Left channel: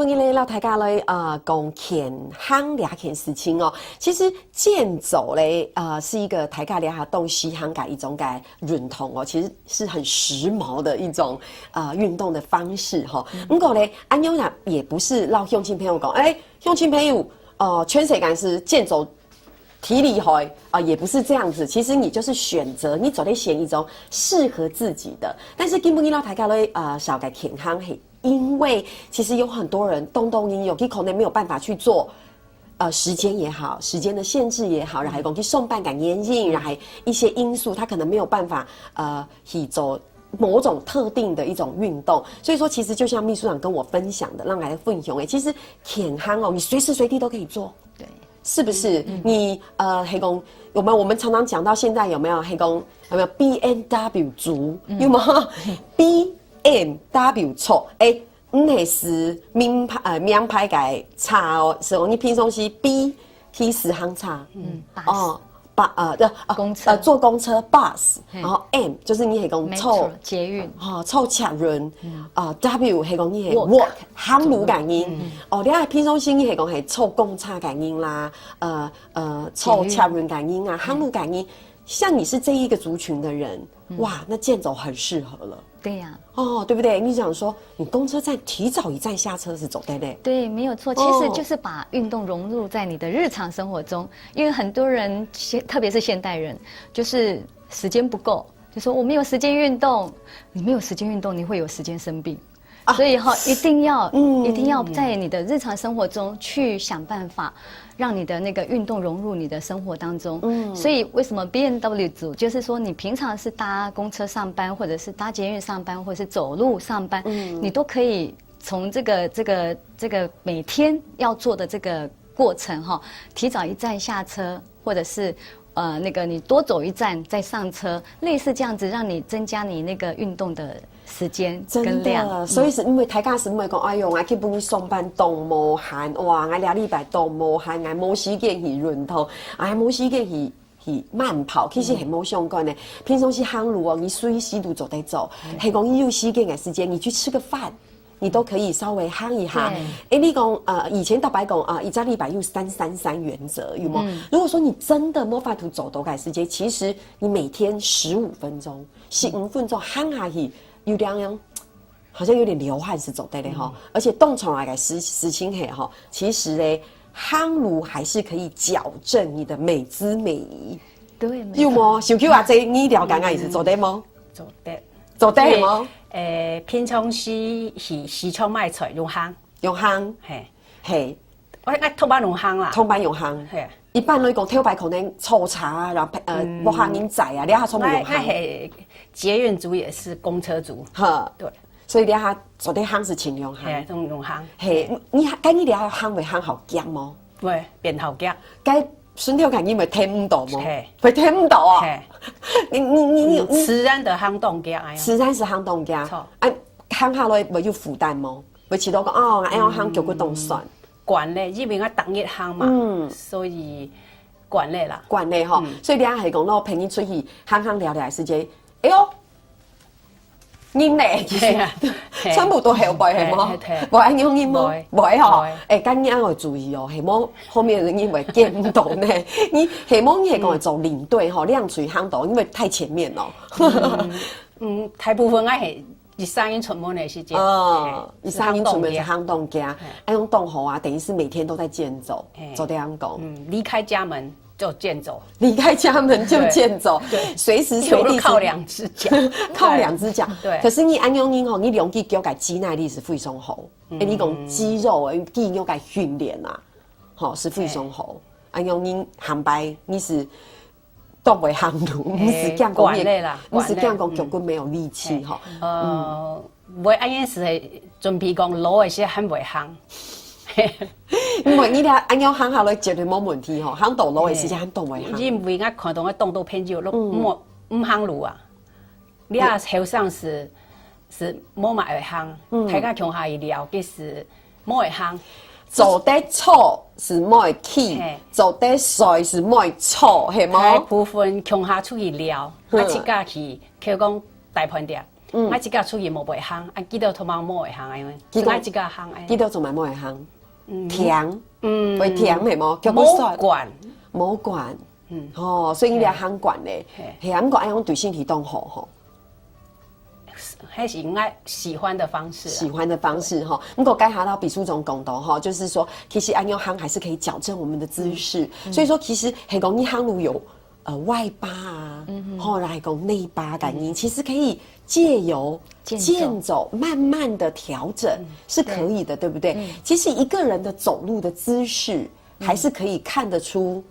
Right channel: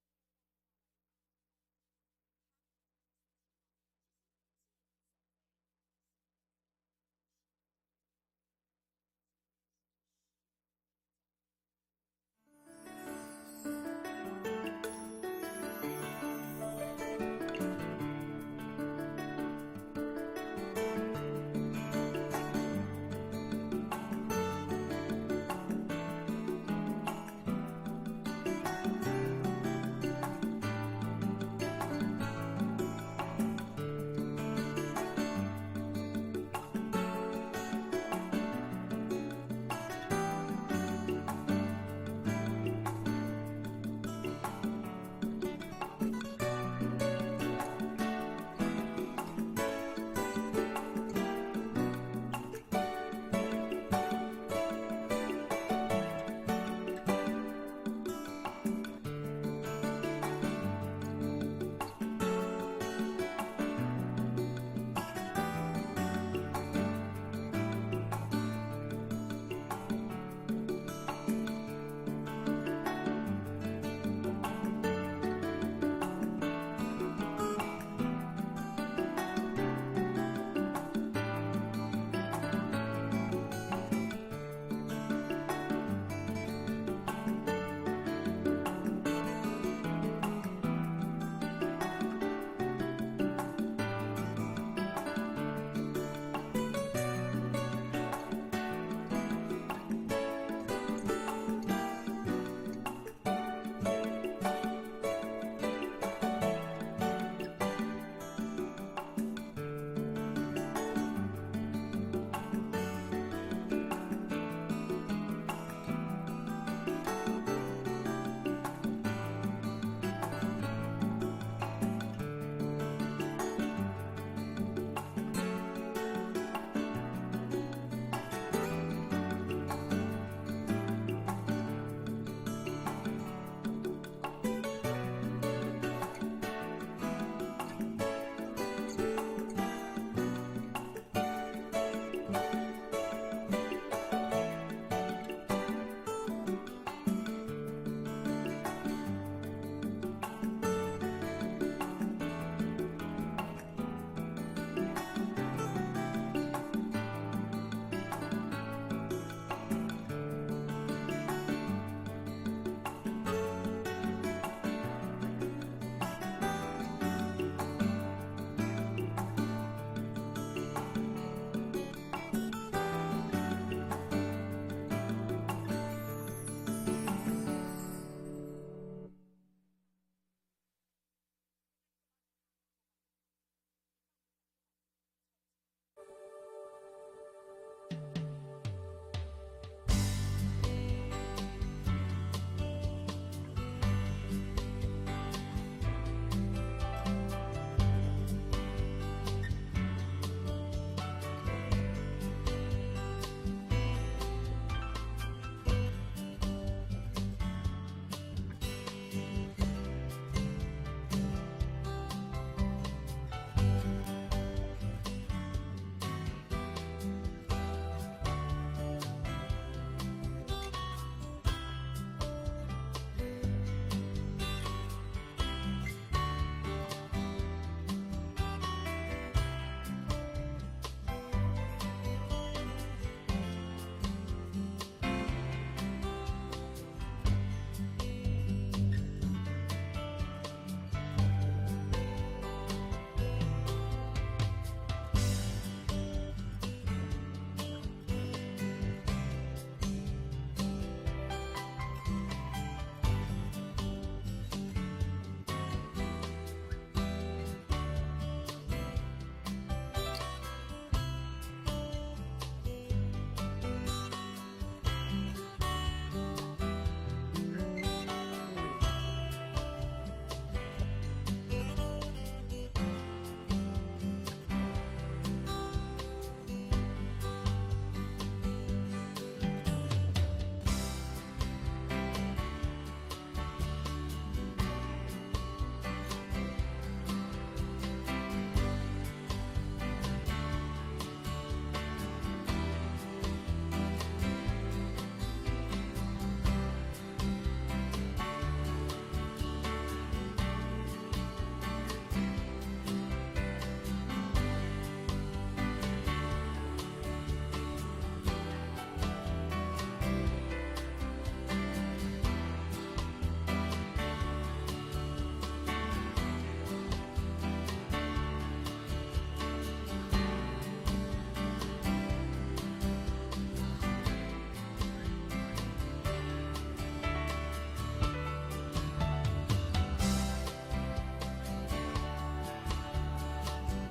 本日咧，大家咧讲健康两件事情哦。其实健走咧是一个大家俩下动西航改一种改运动哦，其实是很时髦的一种运动的方式哈。不过咧，安妞呢也不是让乡亲朋友讲，乡亲朋友全世界是健走。体力好也不是这样子。其实你就是选择，你走在选一种适合自己的。但是根本你老大家咧小改健康嘿，因为其实有很多人你有可能没有办法去做。时间也好，时间的限制也好，然后去送办赶严禁，然后一些因素，他可能没有办法去走某种特定的一种运动。所以说，其实就像秘书长跟我分享的，让来分享其实健康哦，你随时随地都可以做。是不是？你黑工有没有？我们常常讲到现在有没有黑工？有没有 BMW 族？有没有 BMW 错？那是名牌改差哦，是哦，你平常是 B T 10行差，公车坐公车 bus， 然后 M 就是你系讲凑捷运，凑抢人。W 系讲你系 walk 行路感应，你系平常心你系讲系凑公车感应啦，凑抢人感应啊，行路感应。像你是这一个族群的人，哇，那健走很适合了。对呀。对不对？你想说，你公车站提早一站下车是走对不对？对，没有错。其实就是把运动融入在你的日常生活中，因为很多人，特别是现代人，就是时间不够，就说我没有时间运动。你没有时间运动，你会有时间生病。所以一定要在你的日常生活中去想办法，让你的那个运动融入你的生活当中。所以为什么 BMW 组就是说，你平常是搭公车上班，或者是搭捷运上班，或者是走路上班，你都可以从这个每天要做的这个过程提早一站下车，或者是。你多走一站再上车，类似这样子，让你增加你那个运动的时间跟量。所以是因为大家是因为讲，哎呦，我去本去上班动无闲，哇，我2礼拜动无闲，我无时间去运动，无时间去慢跑，其实很冇相关的。平常是行路你随时都走在走，系讲你有时间你去吃个饭。你都可以稍微夯一下。你讲以前大白讲一礼拜用333原则，有没有？如果说你真的没办法走多改时间，其实你每天15分钟，15分钟夯下去，有两样，好像有点流汗是走对的哈。而且动起来实情嘿哈，其实嘞，夯路还是可以矫正你的美姿美仪。对，有冇？想去话这你了解也是走对吗？走对吗？平常时常卖出用烘，嘿，我爱通班用烘啦，通班用烘，一般来讲，跳摆可能抽茶，然后无行人载你下从用烘。捷运族也是公车族，对，所以你下做的烘是请用烘，用烘。你下烘会烘好姜吗？会变好姜。该顺跳感应会听唔到吗？会听唔到啊？你自然的烘冻姜，自然是烘冻姜。烘下来会有负担吗？会吃到讲要烘脚骨冻酸。管嘞，因为我当日烘嘛，所以管嘞啦。管嘞哈，所以你系讲到陪你出去烘聊的时间，哎呦，饮嘞，全部都后背系吗？无爱用饮吗？无爱吼，今日要注意哦，系冇后面的人因为见不懂呢。你系冇你系讲走领队吼，亮水夯到，因为太前面了。大部分系。3英出门的时间，3英出门是夯冻家，用冻喉等于是每天都在健走，走这样讲。离开家门就健走，离开家门就健走，对，随时随地靠2只脚，靠2只脚。对，可是你按用你两肌脚改肌耐力是非常好，你讲肌肉肌肉改训练啊，是非常好。按用你航班你是。都袂行路，不是讲管累啦，不是讲脚骨没有力气哈。袂按样是准备讲路的些很袂行，因为你俩按样行下来绝对冇问题吼，行道路的时间很动袂行。因为我看到我动作偏少，唔行路啊。你啊后上是冇嘛会行，睇下穷下一了，其实冇会行。走得错是莫去，走得帅是莫错，系吗？部分穷下出去聊，去架去，佢讲大盘店。啊一个出去无袂夯，啊几多头毛无会夯安尼，只爱一个夯诶。几多做买莫会行，甜，会甜的么？叫毛算管，毛管，哦，所以你俩夯管嘞，嘿，啊，不过爱用对身体动好吼。还是应该喜欢的方式，喜欢的方式哈。不过该拿到比数种拱斗哈，就是说，其实按用夯还是可以矫正我们的姿势。所以说，其实很容易夯如有外八啊，后来讲内八感应，其实可以借由健走慢慢的调整是可以的，对不对？其实一个人的走路的姿势，还是可以看得出。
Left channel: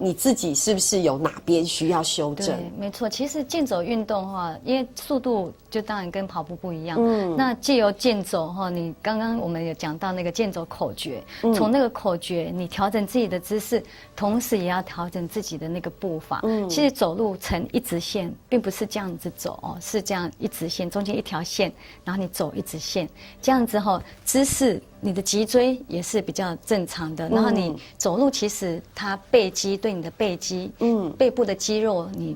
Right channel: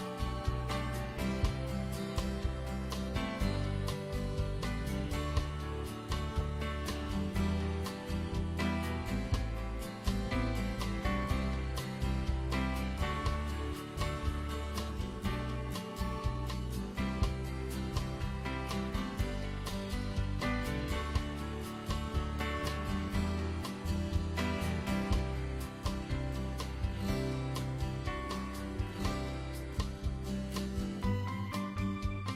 你自己是不是有哪边需要修正？没错，其实健走运动的话，因为速度就当然跟跑步不一样。那借由健走哈，你刚刚我们有讲到那个健走口诀，从那个口诀你调整自己的姿势，同时也要调整自己的那个步伐。其实走路呈一直线，并不是这样子走哦，是这样一直线，中间一条线，然后你走一直线，这样子后姿势，你的脊椎也是比较正常的。然后你走路其实它背肌对你的背肌，背部的肌肉，你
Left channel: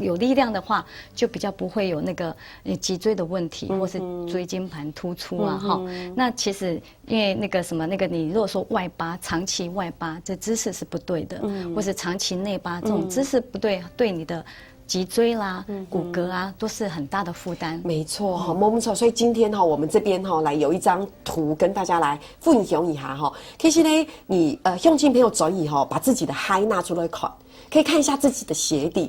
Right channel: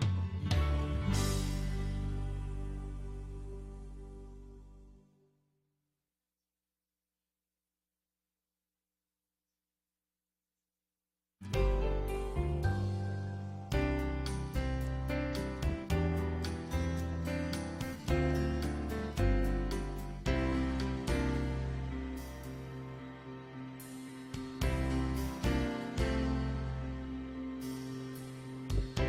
有力量的话，就比较不会有那个脊椎的问题，或是椎间盘突出啊，哈。那其实因为那个什么，那个你如果说外八，长期外八，这姿势是不对的，或是长期内八这种姿势不对，对你的脊椎啦、骨骼啊，都是很大的负担。没错哈，没错。所以今天哈，我们这边哈来有一张图跟大家来分享一下哈。其实呢，你用尽朋友转以后，把自己的嗨拿出来看，可以看一下自己的鞋底。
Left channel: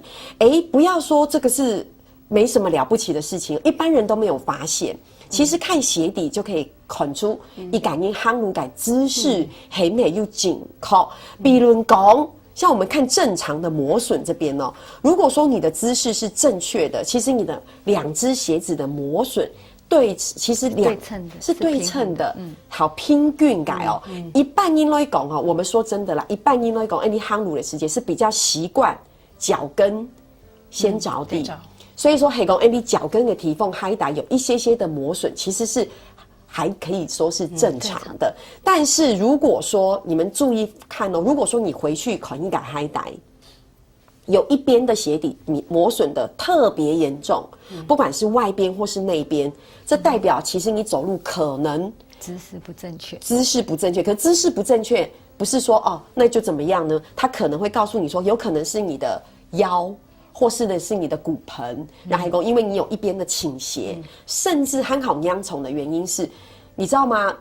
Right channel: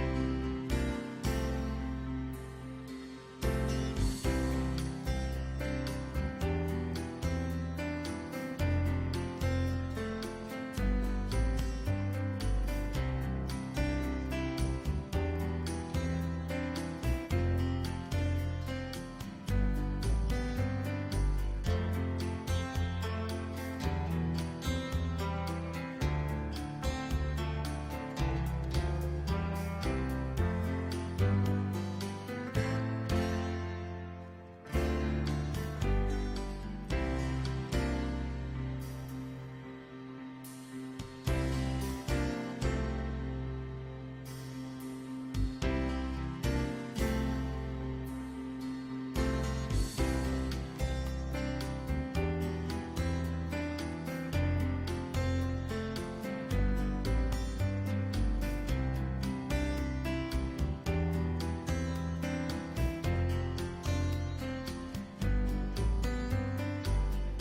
不要说这个是没什么了不起的事情，一般人都没有发现。其实看鞋底就可以看出一感应夯如感姿势很美又紧靠。比如讲，像我们看正常的磨损这边哦，如果说你的姿势是正确的，其实你的两只鞋子的磨损其实是对称的，好平均改哦。一般因来讲哦，我们说真的啦，一般因来讲，你夯乳的时间是比较习惯脚跟先着地，所以说黑公你脚跟的提缝嗨打有一些些的磨损，其实是还可以说是正常的。但是如果说你们注意看哦，如果说你回去看一个嗨打，有一边的鞋底你磨损的特别严重，不管是外边或是内边。这代表其实你走路可能姿势不正确，姿势不正确。可姿势不正确不是说哦那就怎么样呢？他可能会告诉你说，有可能是你的腰，或是的是你的骨盆，然后因为你有一边的倾斜，甚至很好央虫的原因是，你知道吗？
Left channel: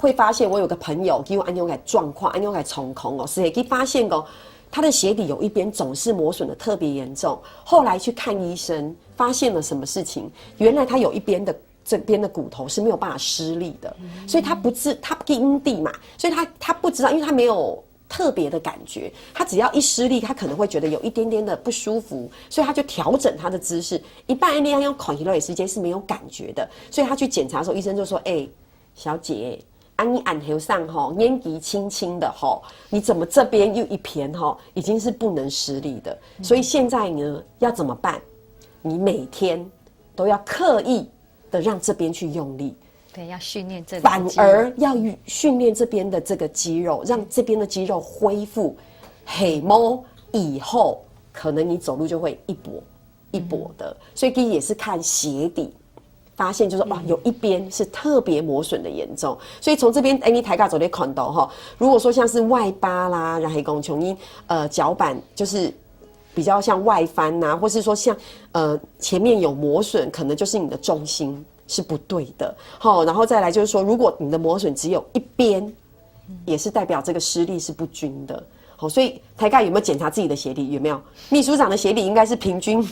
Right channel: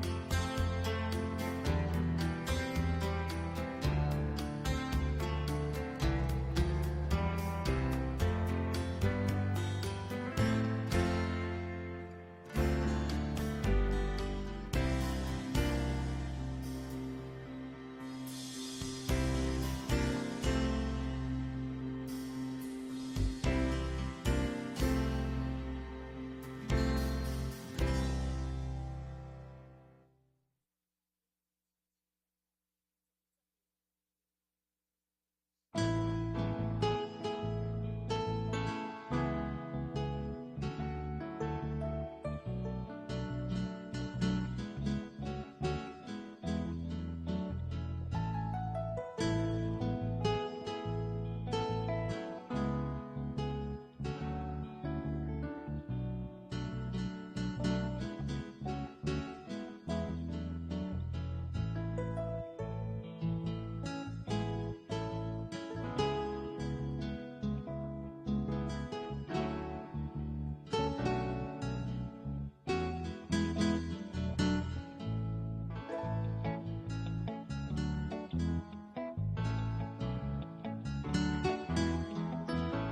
会发现我有个朋友因为安用来状况，安用来重空哦，是可以发现哦。他的鞋底有一边总是磨损的特别严重，后来去看医生，发现了什么事情？原来他有一边的这边的骨头是没有办法施力的，所以他不因地嘛，所以他不知道，因为他没有特别的感觉，他只要一施力，他可能会觉得有一点点的不舒服，所以他就调整他的姿势。一般人用口蹄类时间是没有感觉的，所以他去检查的时候，医生就说：“小姐。”你按头上哈，年纪轻轻的哈，你怎么这边又一片哈，已经是不能施力的。所以现在呢，要怎么办？你每天都要刻意的让这边去用力，对，要训练这个，反而要训练这边的这个肌肉，让这边的肌肉恢复。黑摸以后，可能你走路就会一跛一跛的。所以第一也是看鞋底。发现就是哇，有一边是特别磨损的严重，所以从这边你抬杠走的看到哈，如果说像是外八啦，然后讲琼英脚板就是比较像外翻呐、或是说像前面有磨损，可能就是你的重心是不对的，好，然后再来就是说，如果你的磨损只有一边，也是代表这个施力是不均的，好，所以抬杠有没有检查自己的鞋底？有没有？秘书长的鞋底应该是平均。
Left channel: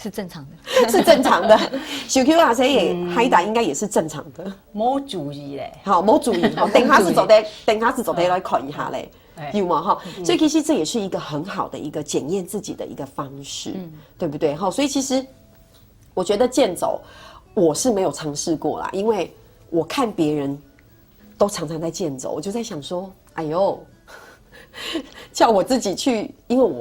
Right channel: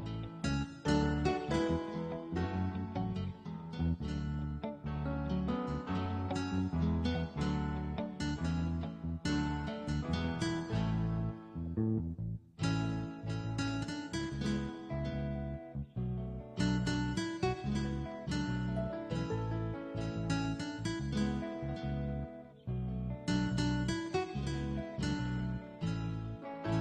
是正常的，是正常的。小 Q 啊，谁也嗨打应该也是正常的。没注意嘞，好，没注意，等下是走的来看一下嘞，有吗？哈，所以其实这也是一个很好的一个检验自己的一个方式，对不对？好，所以其实我觉得健走我是没有尝试过啦，因为我看别人都常常在健走，我就在想说，哎呦。叫我自己去，因为我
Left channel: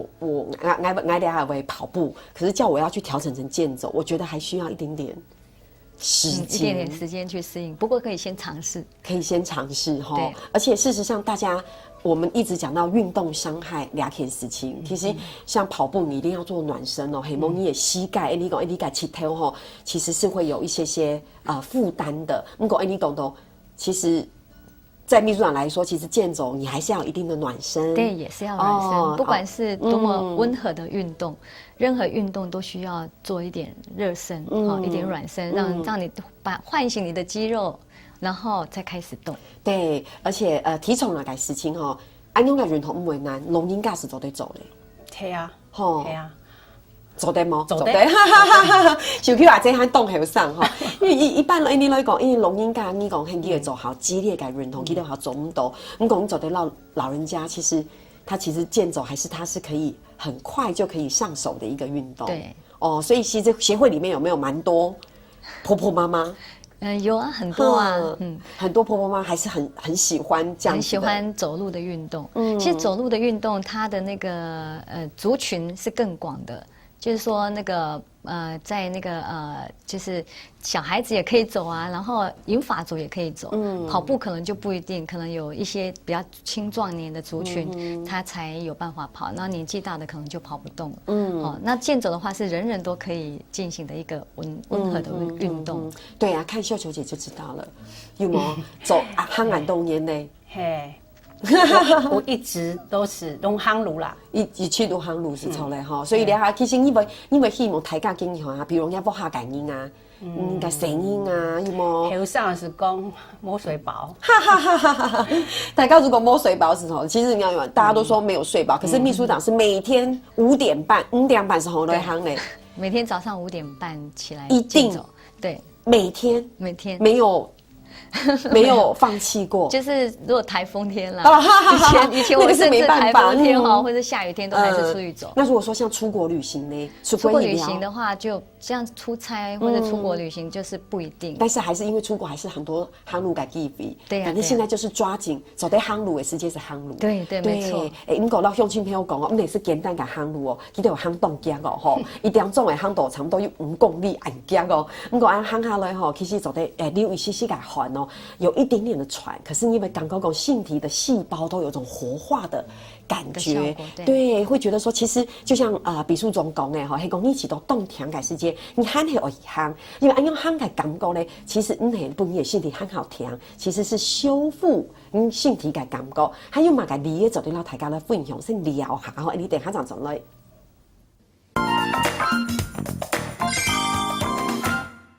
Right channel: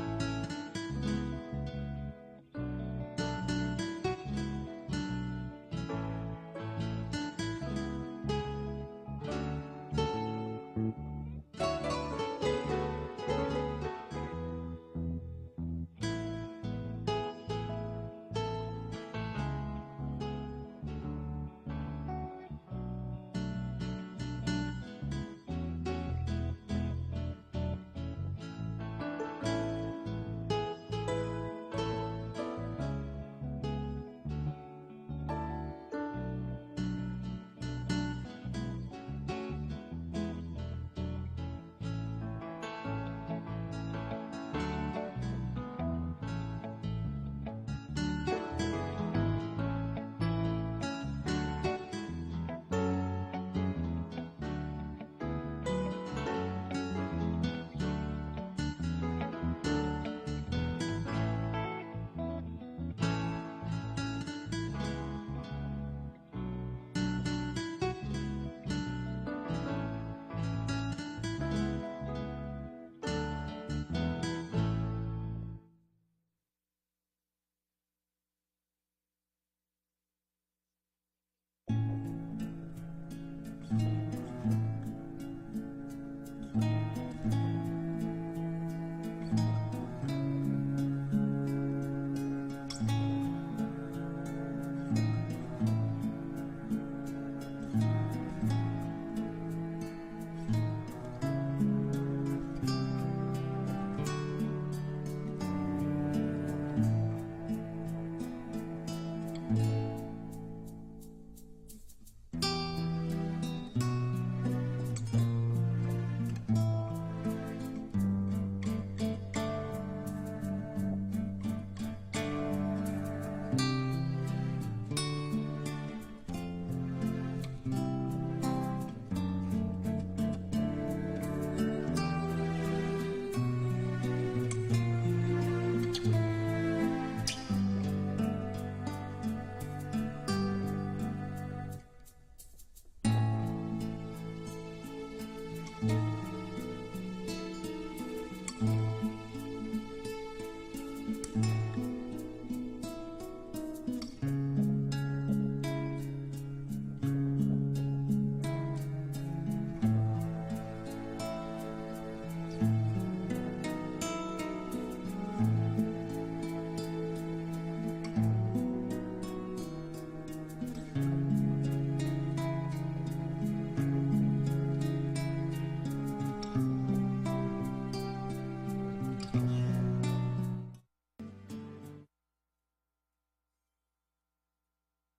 爱还会跑步，可是叫我要去调整成健走，我觉得还需要一点点时间，一点点时间去适应。不过可以先尝试，可以先尝试哈。而且事实上，大家我们一直讲到运动伤害俩件事情，其实像跑步，你一定要做暖身哦。黑蒙你的膝盖，你讲你改膝头吼，其实是会有一些负担的。如果你讲到，其实。在秘书长来说，其实健走你还是要有一定的暖身，对，也是要暖身。不管是多么温和的运动，任何运动都需要做一点热身，一点软身，让你唤醒你的肌肉，然后再开始动。对，而且体重那个事情吼，安用的运动唔为难，龙应该是做得走的。系啊，吼，系啊。做得冇，做得，就去话这喊动后上哈，因为一般人你来讲，因为龙应该你讲很激烈做好激烈感运动，激烈好走唔到。你讲走得到老人家，其实健走它是可以很快就可以上手的一个运动。对，哦，所以其实协会里面有没有蛮多婆婆妈妈？有啊，很多啊，很多婆婆妈妈还是很喜欢这样子的，很喜欢走路的运动。其实走路的运动，它的那个族群是更广的。就是说那个在那个就是小孩子也可以走啊，然后银发族也可以走。跑步可能就不一定，可能有一些比较青壮年的族群，他才有办法跑，然后年纪大的可能就跑不动。那健走的话是人人都可以进行的一个温和的运动。对啊，看秀球姐就知道了，有没有走憨俺冬年呢？嘿。我一直都是用夯炉啦，一去都夯炉是错嘞哈，所以咧其实因为希望大家经验啊，比如人家不下感音啊，个声音啊，有冇？头上是讲摸水饱，哈哈哈哈哈！大家如果摸水饱时候，其实你要大家都说没有睡饱，可是秘书长是每天5点半时候来夯嘞，每天早上5点半起来，一定对，每天没有放弃过，就是如果台风天啦，以前那个是没办法，台风天或者下雨天都还是出去走。那如果说像出国旅行呢？出国旅行的话，就像出差或者出国旅行就是不一定。但是还是因为出国还是很多航路改地比，对呀。反正现在就是抓紧走在航路的世界是航路，对，没错。你讲到向亲朋友讲哦，我们也是简单的航路哦，记得有航动脚哦吼，一点钟的航道差不多有5公里按脚哦，我讲按航下来吼，其实走在你有一些个环哦，有一点点的喘，可是你们刚刚讲性体的细胞都有种活化的感觉，对，会觉得说其实就像比数总讲的哈，系讲你一起都动调改时间，你喊系而喊，因为按用喊改感觉呢，其实系不你的性体很好听，其实是修复性体改感觉，还有嘛个你也走对老大家的分享是聊下，然后你等下长走来。